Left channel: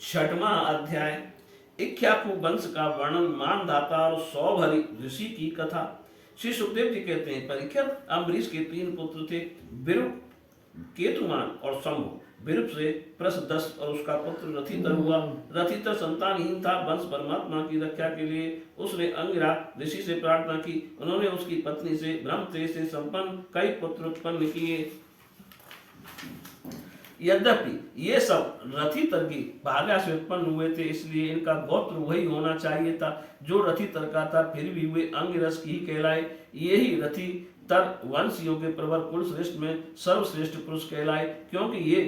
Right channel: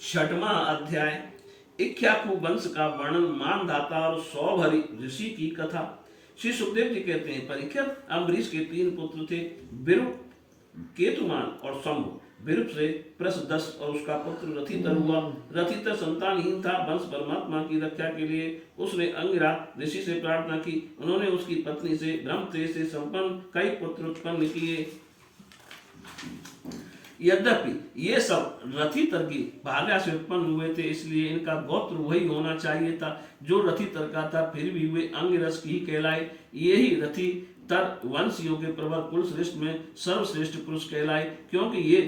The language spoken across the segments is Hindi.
छठवां अध्याय इक्ष्वाकु वंश का वर्णन, मानधाता और सौभरी ऋषि की कथा। श्री सुखदेव जी कहते हैं, परीक्षित, अम्बरीश के 3 पुत्र थे, विरूप, केतुमान और शंभु। विरूप से प्रसदस और उसका पुत्र रथितर हुआ। रथितर संतानहीन था। वंश परमात्मा की रक्षा के लिए उसने अंगिरा ऋषि से प्रार्थना की। उन्होंने उसकी पत्नी से ब्रह्म तेज से संपन्न कई पुत्र उत्पन्न किए। यद्यपि ये सब रथितर की भार्या से उत्पन्न हुए थे, इसलिए इनका गोत्र वही होना चाहिए था जो रथितर का था, फिर भी वे अंगिरस की ही कहलाए। यही रथितर वंशियों के प्रवर कुल श्रेष्ठ में सर्वश्रेष्ठ पुरुष कहलाए, क्योंकि ये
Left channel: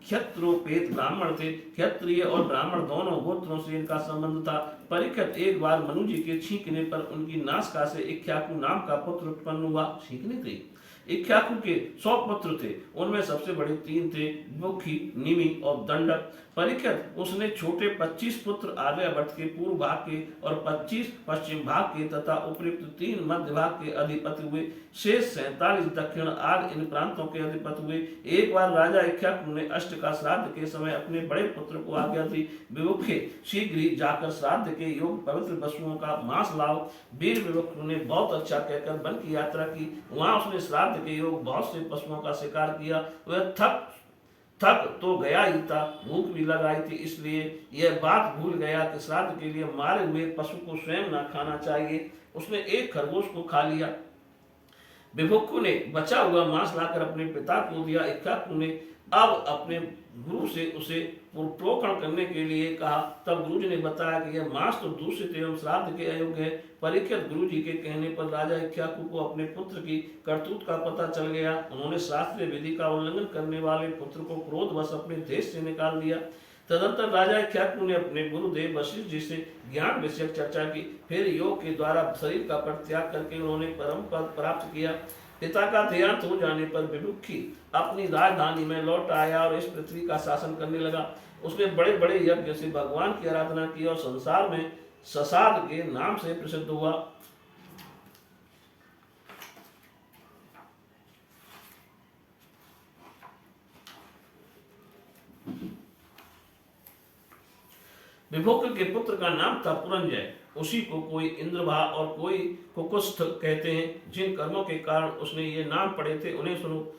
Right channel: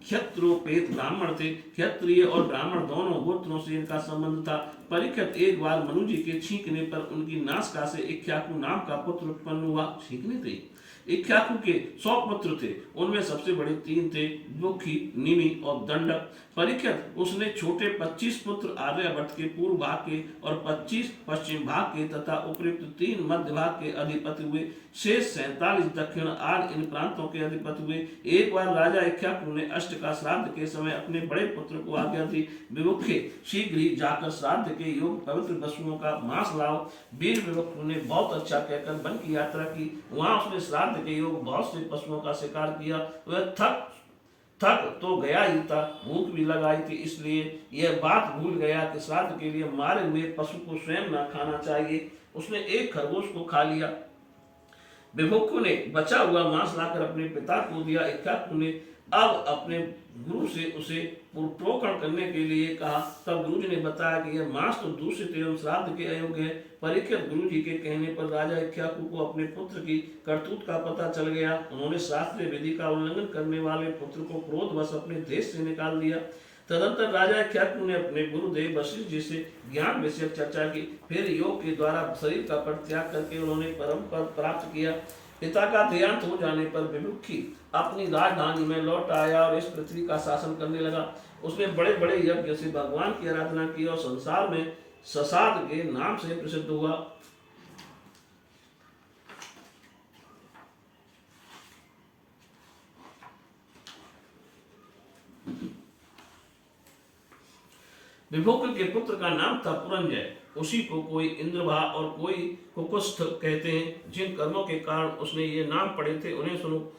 क्षत्रोपेत ब्राह्मण थे। क्षत्रिय और ब्राह्मण दोनों गोत्रों से इनका संबंध था। परीक्षित, एक बार मनु जी के छींकने पर उनकी नासिका से इक्ष्वाकु नाम का पुत्र उत्पन्न हुआ। छींकने थे। इक्ष्वाकु के 100 पुत्र थे। उनमें सबसे बड़े 3 थे, मुखी, निमि और दंडक। परीक्षित, उसने छोटे 25 पुत्र आर्यावर्त के पूर्व भाग के और 25 पश्चिम भाग के तथा उपयुक्त 3 मध्य भाग के अधिपति हुए। शेष 47 दक्षिण आर्य इन प्रांतों के अधिपति हुए। एक बार राजा इक्ष्वाकु ने अष्ट का श्राद्ध के समय अपने बड़े पुत्र को आज्ञा दी, विमुखे, शीघ्र ही जाकर श्राद्ध के योग पवित्र पशुओं का मांस लाओ। वीर विमुख ने बहुत अच्छा कहकर वन की यात्रा की। वहां उसने श्राद्ध के योग बहुत से पशुओं का शिकार किया। वह थक तो गया ही था, भूख भी लगाई थी, इसलिए यह बात भूल गया कि श्राद्ध के लिए मारे हुए पशु को स्वयं न खाना चाहिए। उसने एक खरगोश को खा लिया। विमुखु ने बचा हुआ मांस लाकर अपने पिता को दिया। इक्ष्वाकु ने अब अपने गुरु से उसे पुत्रोकण करने के लिए कहा। तब गुरु जी ने बताया कि यह मांस तो दूषित एवं श्राद्ध के अयोग्य है। परीक्षित, गुरु जी के कहने पर राजा इक्ष्वाकु को अपने पुत्र की करतूत का पता चल गया। उन्होंने शास्त्रीय विधि का उल्लंघन करने वाले पुत्र को क्रोधवश अपने देश से निकाल दिया। तदंतर राजा इक्ष्वाकु ने अपने गुरुदेव वशिष्ठ जी से ज्ञान विषयक चर्चा की। फिर योग के द्वारा शरीर का परित्याग करके उन्होंने परम पद प्राप्त किया। पिता का देहांत हो जाने पर विमुखी अपनी राजधानी में लौट आया और इस पृथ्वी का शासन करने लगा। उसने बड़े बड़े यज्ञ से भगवान की आराधना की और संसार में ससाद के नाम से प्रसिद्ध हुआ। विभोक के पुत्र का नाम था पुरंजय। उसी को कोई इंद्रभा और कोई कुकुस्थ कहते हैं। जिन कर्मों के कारण उसने ये नाम पढ़े थे उन्हें सुनो।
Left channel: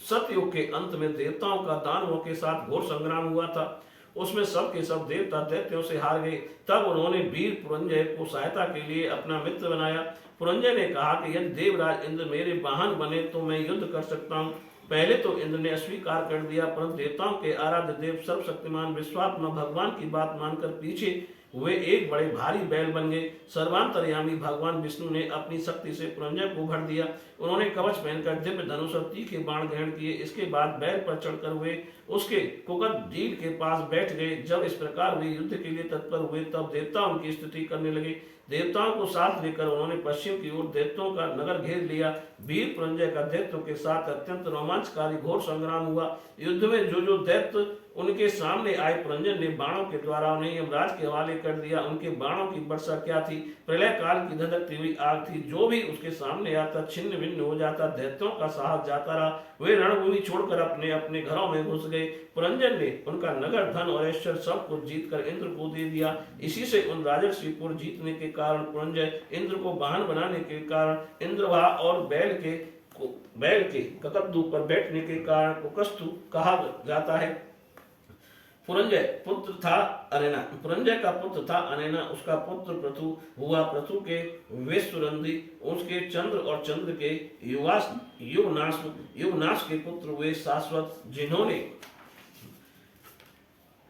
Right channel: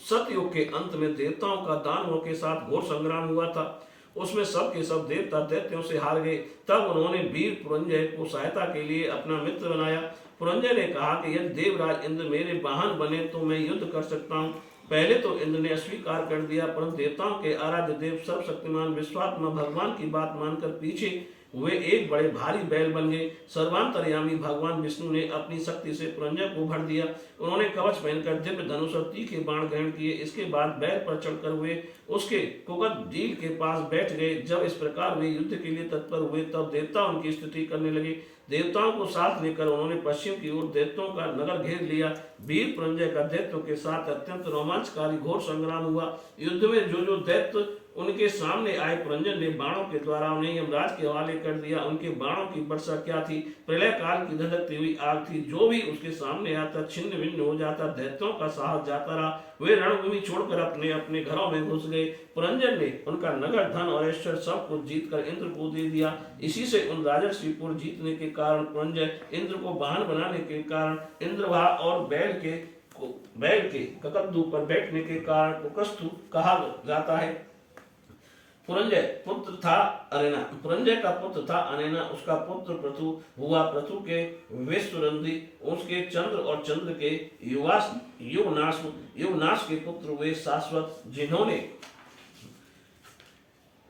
सतयुग के अंत में देवताओं का दानवों के साथ घोर संग्राम हुआ था। उसमें सब के सब देवता दैत्यों से हार गए। तब उन्होंने वीर पुरंजय को सहायता के लिए अपना मित्र बनाया। पुरंजय ने कहा कि यदि देवराज इंद्र मेरे वाहन बने तो मैं युद्ध कर सकता हूँ। पहले तो इंद्र ने अस्वीकार कर दिया, परंतु देवताओं के आराध्य देव सर्वशक्तिमान विश्वात्मा भगवान की बात मानकर पीछे वे एक बड़े भारी बैल बन गए। सर्वांतर्यामी भगवान विष्णु ने अपनी शक्ति से पुरंजय को भर दिया। उन्होंने कवच पहनकर दिव्य धनुष और तीखे बाण ग्रहण किए। इसके बाद बैल पर चढ़कर वे उसके कुकट झील के पास बैठ गए। जब इस प्रकार वे युद्ध के लिए तत्पर हुए तब देवता उनकी स्तुति करने लगे। देवताओं को साथ लेकर उन्होंने पश्चिम की ओर दैत्यों का नगर घेर लिया। वीर पुरंजय का दैत्यों के साथ अत्यंत रोमांचकारी घोर संग्राम हुआ। युद्ध में जो जो दैत्य उनके सामने आए, पुरंजय ने बाणों के द्वारा उन्हें यमराज के हवाले कर दिया। उनके बाणों की वर्षा क्या थी, प्रलय काल की धधकती हुई आग थी। जो भी उसके सामने आता छिन्न भिन्न हो जाता। दैत्यों का साहस जाता रहा। वे रणभूमि छोड़कर अपने अपने घरों में घुस गए। पुरंजय ने उनका नगर, धन और ऐश्वर्य सब कुछ जीतकर इंद्र को दे दिया। इसी से उन राजर्षिपुर जीतने के कारण पुरंजय, इंद्र को वाहन बनाने के कारण इंद्रभा और बैल के ककद्दू पर बैठने के कारण कुकस्थु कहा जाता है। पुरंजय का पुत्र था अनैना। उसका पुत्र पृथु हुआ। पृथु के विश्वरंधी, उसके चंद्र और चंद्र के युवनाश के पुत्र हुए शाश्वत, जिन्होंने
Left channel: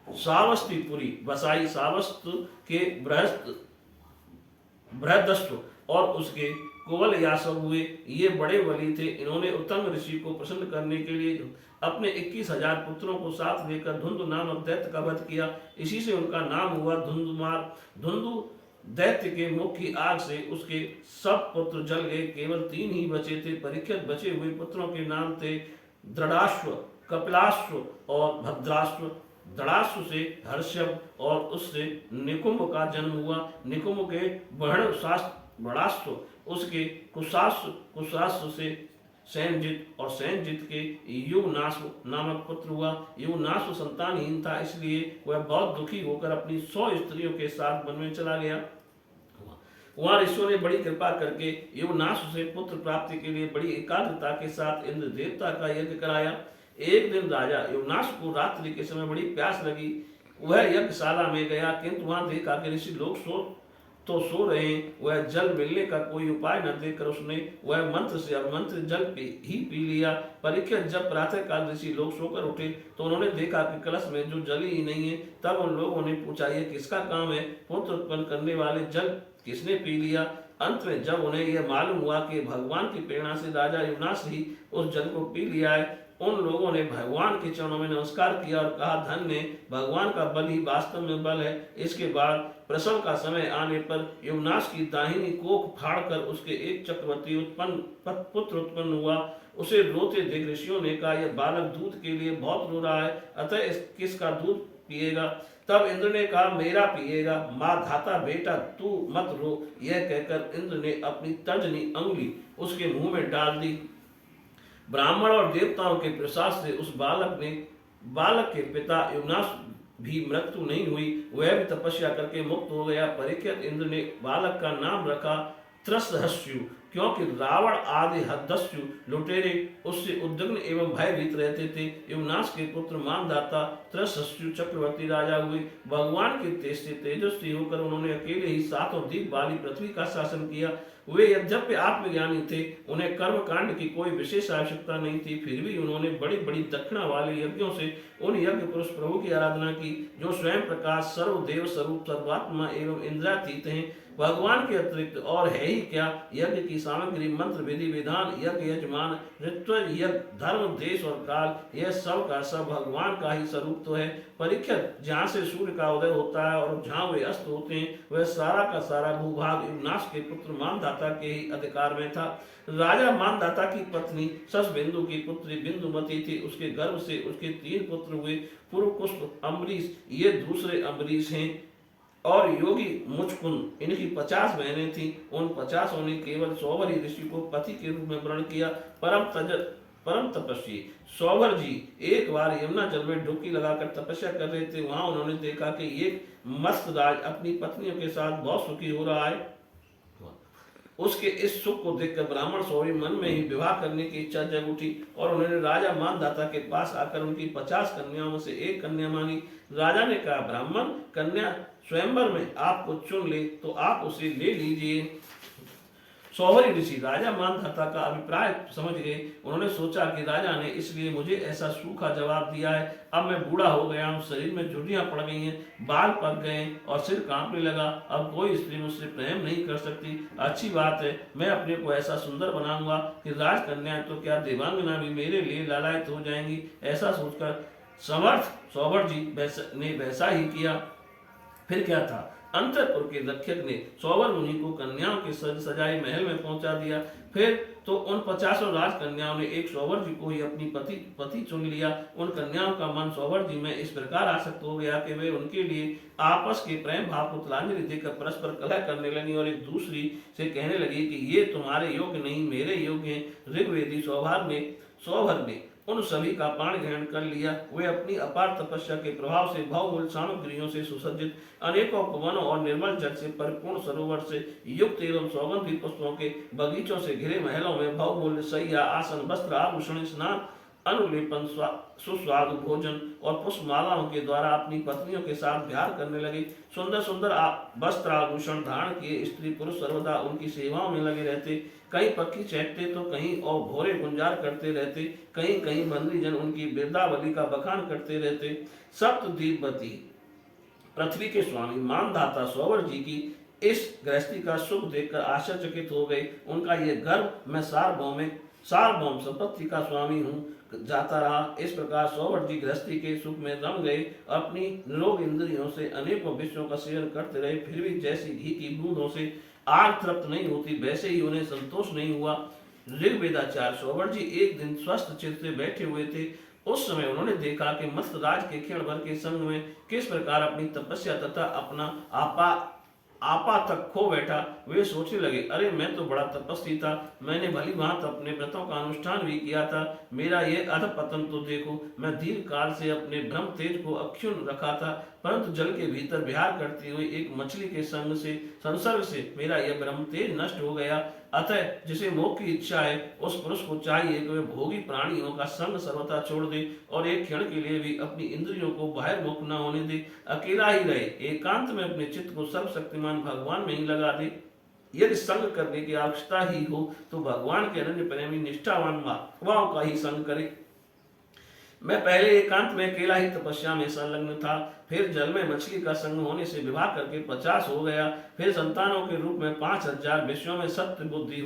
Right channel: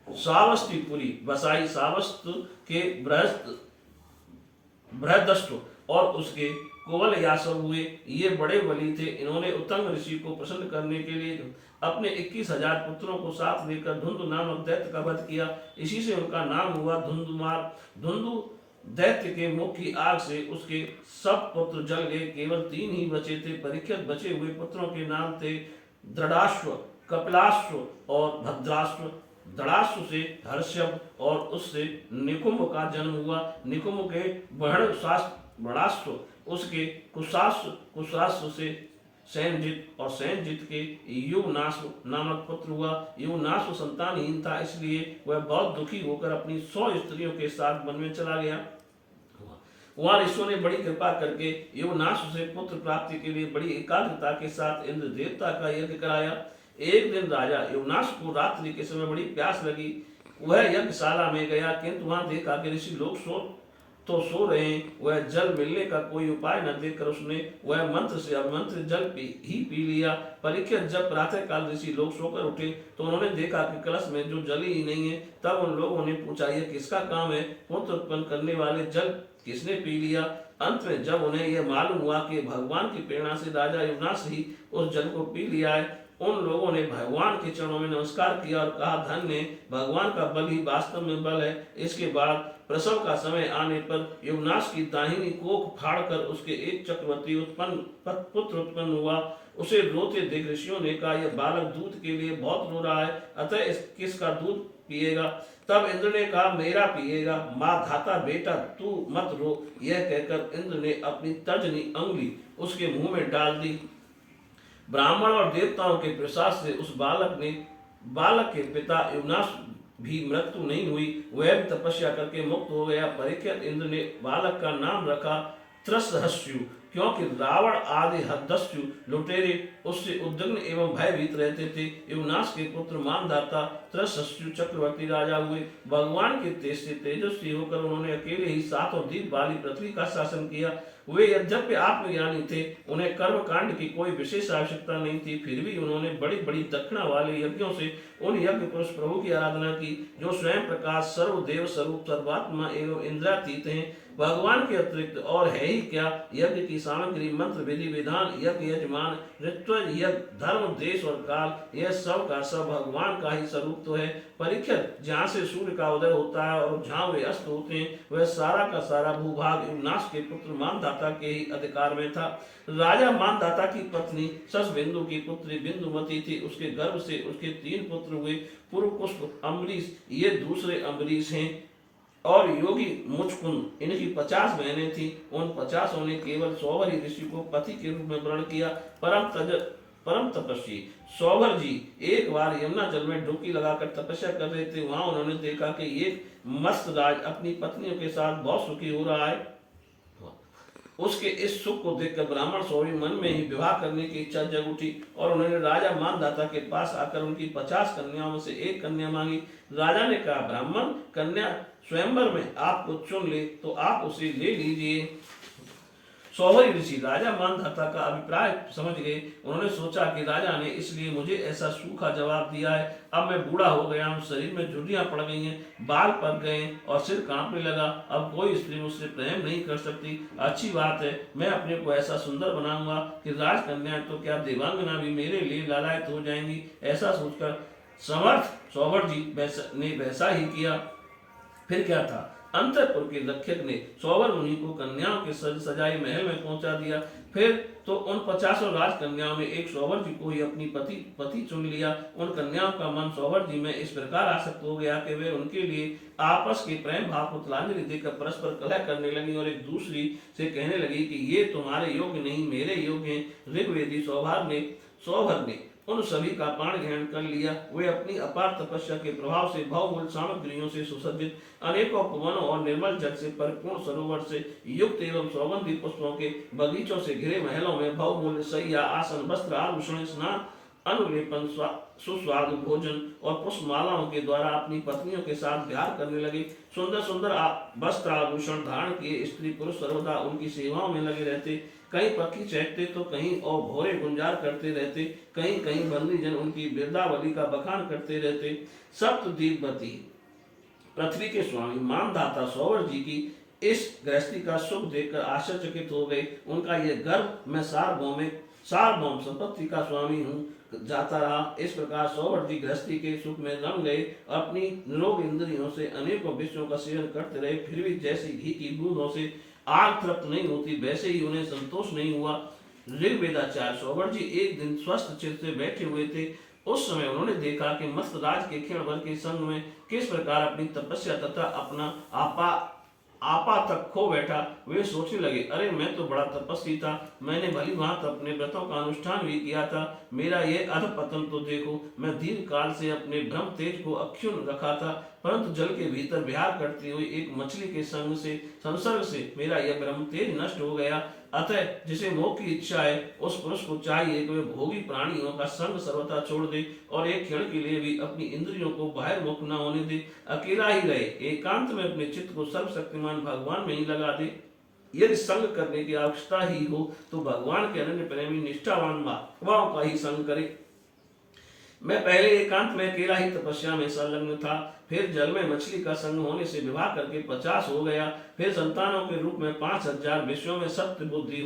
सावस्तीपुरी बसाई। सावस्त के बृहदस्व और उसके कुवल यासव हुए। ये बड़े बली थे। इन्होंने उत्तंग ऋषि को प्रसन्न करने के लिए अपने 21,000 पुत्रों को साथ लेकर धुंधु नामक दैत्य का वध किया। इसी से उनका नाम हुआ धुंधुमार। धुंधु दैत्य के मुख की आग से उसके सब पुत्र जल गए। केवल 3 ही बचे थे। परीक्षित, बचे हुए पुत्रों के नाम थे दृढ़ाश्व, कपिलाश्व और भद्राश्व। दृढ़ाश्व से हर्षव और उससे निकुंभ का जन्म हुआ। निकुंभ के बड़ाश्व, उसके कुशाश्व से सैनजित, और सैनजित के युवनाश्व नामक पुत्र हुआ। युवनाश्व संतानहीन था, इसलिए वह बहुत दुखी होकर अपनी 100 स्त्रियों के साथ वन में चला गया। वहां ऋषियों ने बड़ी कृपा करके युवनाश्व से पुत्र प्राप्ति के लिए बड़ी एकाग्रता के साथ इंद्र देवता का यज्ञ कराया। एक दिन राजा युवनाश्व को रात्रि के समय बड़ी प्यास लगी। वह यज्ञशाला में गया, किंतु वहां देखा कि ऋषि लोग सो रहे हैं। वह जल मिलने का कोई उपाय न देखकर उसने वह मंत्र से अभिमंत्रित जल ही पी लिया। परीक्षित जब प्रातः काल ऋषि लोग सोकर उठे तो उन्होंने देखा कि कलश में जो जल ही नहीं है। तब उन लोगों ने पूछा, यह किसका काम है? पुत्र उत्पन्न करने वाले जल किसने पी लिया? अंत में जब उन्हें यह मालूम हुआ कि भगवान की प्रेरणा से राजा युवनाश ही उस जल को पी लिया है, उन लोगों ने भगवान के चरणों में नमस्कार किया और कहा, धन्य भगवान का बल ही वास्तव में बल है। इसके बाद प्रसव का समय आने पर युवनाश की दाहिनी कोख फाड़कर उसके एक चक्रवर्ती पुत्र उत्पन्न हुआ। उसे रोते देख ऋषियों ने कहा, यह बालक दूध के लिए बहुत रो रहा है, अतः किसका दूध पिएगा? तब इंद्र ने कहा, मेरा पिएगा। माँ धाता बेटा तू मत रो। यह कहकर इंद्र ने अपनी तर्जनी अंगुली उसके मुंह में डाल दी। ब्राह्मण और देवताओं के प्रसाद से उस बालक के पिता युवनाश भी मृत्यु नहीं हुई, वह भी तपस्या करके मुक्त हो गया। परीक्षित इंद्र ने बालक का नाम रखा त्रसहस्यु, क्योंकि रावण आदि हदस्यु लुटेरे उससे उद्विग्न एवं भयभीत रहते थे। युवनाश के पुत्र मानधाता त्रसहस्यु चक्रवर्ती राजा हुए। भगवान के तेज से तेजस्वी होकर उन्होंने अकेले ही 7 द्वीप वाली पृथ्वी का शासन किया। वे यद्यपि आत्मज्ञानी थे, उन्हें कर्म कांड की कोई विशेष आवश्यकता नहीं थी, फिर भी उन्होंने बड़ी बड़ी दक्षिणा वाले यज्ञों से उन यज्ञ पुरुष प्रभु की आराधना की, जो स्वयं प्रकाश सर्वदेव स्वरूप सर्वात्मा एवं इंद्रियातीत हैं। भगवान के अतिरिक्त और है ही क्या? यज्ञ की सामग्री, मंत्र, विधि विधान, यज्ञ यजमान, ऋत्व, यज्ञ, धर्म, देश और काल, यह सब का सब भगवान का ही स्वरूप तो है। परीक्षित, जहाँ से सूर्य का उदय होता है और जहाँ वे अस्त होते हैं, वह सारा का सारा भूभाग युवनाश के पुत्र मानधाता के ही अधिकार में था। राजा मानधाता की पत्नी शशबिंदु की पुत्री बिंदुमती थी। उसके गर्भ से उसके 3 पुत्र हुए, पुरुपुष्प, अम्बरीश, ये दूसरे अम्बरीश हैं, और योगी मुचकुंद, इनकी 50 बहनें थी। उन 50 ने केवल सौभरी ऋषि को पति के रूप में वर्ण किया। परम तपस्वी सौभर जी एक बार यमुना जल में डुबकी लगाकर तपस्या कर रहे थे। वहां उन्होंने देखा कि एक मस्त राज अपनी पत्नियों के साथ बहुत सुखी हो रहा है। उसके इस सुख को देखकर ब्राह्मण सौरी मन में ही विवाह करने की इच्छा जग उठी, और उन्होंने राजा मानधाता के पास आकर उनकी 50 कन्याओं से एक कन्या मांगी। राजा ने कहा, ब्राह्मण कन्या स्वयंवर में आपको चुन ले तो आप उसे ले लीजिए। सौभरी ऋषि राजा मानधाता का अभिप्राय समझ गए। उन्होंने सोचा कि राजा ने इसलिए मुझे ऐसा सूखा जवाब दिया है। अब मैं बूढ़ा हो गया हूँ, शरीर में झुर्रियां पड़ गई हैं, बाल पक गए और सिर कांपने लगा। अब कोई स्त्री मुझसे प्रेम नहीं कर सकती। अच्छी बात है, मैं अपने को ऐसा सुंदर बनाऊंगा कि राजकन्या तो क्या देवांगना भी मेरे लिए लालायित हो जाएंगी। ऐसा सोचकर समर्थ सौभर जी ने वैसा ही किया। फिर क्या था, अंतपुर के रक्षक ने सौवर मुनि को कन्याओं के सजाए महल में पहुंचा दिया। फिर तो उन 50 राजकन्याओं ने एक सौवर जी को ही अपनी पति चुन लिया। उन कन्याओं का मन सौवर जी में इस प्रकार आसक्त हो गया कि वे उनके लिए आपस के प्रेम भाव को तिलांजलि देकर परस्पर कलह करने लगी और एक दूसरी से कहने लगी कि ये तुम्हारे योग्य नहीं, मेरे योग्य हैं। ऋग्वेदी सौभर ने उन सभी का प्राण ग्रहण कर लिया। वे अपनी अपार तपस्या के प्रभाव से बहुमूल्य सामग्रियों से सुसज्जित, अनेकों उपवनों और निर्मल जल से परिपूर्ण सरोवर से युक्त एवं सौगंधी पुष्पों के बगीचों से घिरे महलों में बहुमूल्य शैया, आसन, वस्त्र, आभूषण, स्नान, अनुलेपन, सुस्वादु भोजन और पुष्पमालाओं के द्वारा अपनी पत्नियों के साथ विहार करने लगे। सुंदर सुंदर वस्त्र आभूषण धारण किए स्त्री पुरुष सर्वदा उनकी सेवाओं में लगे रहते। कहीं पक्षी चहकते तो कहीं और भोरे गुंजार करते रहते। कहीं कहीं बंदी जन उनकी वृंदावली का बखान करते रहते। सप्तद्वीपवती पृथ्वी के स्वामी मानधाता सौवर जी की इस गृहस्थी का सुख देखकर आश्चर्यचकित हो गए। उनका ये गर्व, मैं सार्वभौम संपत्ति का स्वामी हूँ, जाता रहा। इस प्रकार सौवर जी गृहस्थी के सुख में रम गए। अपनी निरोग इंद्रियों से अनेकों विषयों का सेवन करते रहे, फिर भी जैसी घी की बूंदों से आग तृप्त नहीं होती, वैसे ही उन्हें संतोष नहीं हुआ। ऋग्वेदाचार्य सौवर जी एक दिन स्वस्थ चित्त से बैठे हुए थे। उस समय उन्होंने देखा कि मस्त राज के क्षण भर के संग में किस प्रकार अपनी तपस्या तथा अपना आपा तक खो बैठा। वे सोचने लगे, अरे मैं तो बड़ा तपस्वी था, मैंने भली भांति अपने व्रतों का अनुष्ठान भी किया था, मेरा ये अधपतन तो देखो। मैं दीर्घ काल से अपने ब्रह्म तेज को अक्षुण्ण रखा था, परंतु जल के भीतर विहार करती हुई एक मछली के संसर्ग से मेरा यह ब्रह्म तेज नष्ट हो गया। अतः जिसे मोक्ष की इच्छा है उस पुरुष को चाहिए कि वह भोगी प्राणियों का संग सर्वथा छोड़ दे और एक क्षण के लिए भी अपनी इंद्रियों को बहिर्मुख न होने दे, अकेला ही रहे, एकांत में अपने चित्त को सर्वशक्तिमान भगवान में ही लगा दे। यदि संग करने की आवश्यकता ही हो तो भगवान के अनन्य प्रेमी निष्ठावान महात्माओं का ही संग करे। मैं पहले एकांत में अकेला ही तपस्या में संलग्न था, फिर जल में मछली का संग होने से विवाह करके 50 हो गया, फिर संतानों के रूप में 5000 विषयों में सत्य बुद्धि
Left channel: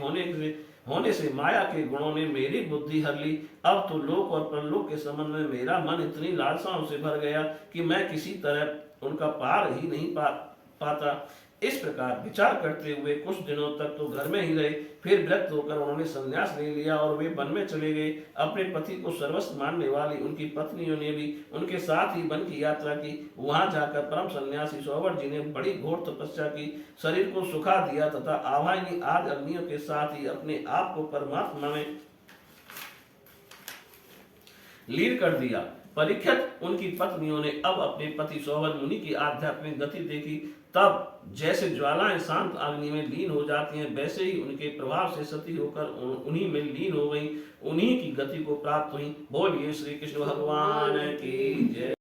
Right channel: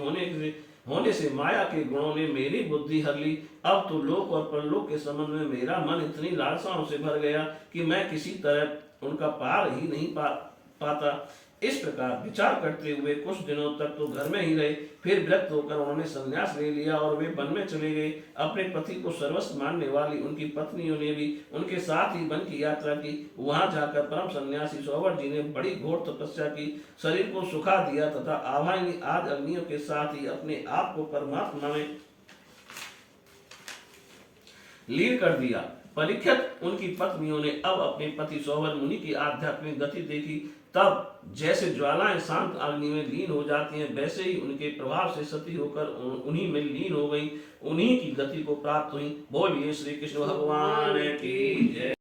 होने से माया के गुणों ने मेरी बुद्धि हर ली। अब तो लोक और परलोक के संबंध में मेरा मन इतनी लालसाओं से भर गया कि मैं किसी तरह उनका पार ही नहीं पाता। इस प्रकार विचार करते हुए कुछ दिनों तक तो घर में ही रहे, फिर व्यक्त होकर उन्होंने संन्यास ले लिया और वे वन में चले गए। अपने पति को सर्वस्व मानने वाली उनकी पत्नियों ने भी उनके साथ ही वन की यात्रा की। वहां जाकर परम सन्यासी सौवर जी ने बड़ी घोर तपस्या की, शरीर को सुखा दिया तथा आवाहिनी आदि अग्नियों के साथ ही अपने आप को परमात्मा में लीन कर दिया। परीक्षित उनकी पत्नियों ने अब अपने पति सौवर मुनि की आध्यात्मिक गति देखी। तब जैसे ज्वालाएं शांत अग्नि में लीन हो जाती हैं, वैसे ही उनके प्रभाव से सती होकर उन्हीं में लीन हो गई, उन्हीं की गति को प्राप्त हुई। बोलिए श्री कृष्ण भगवान की जय।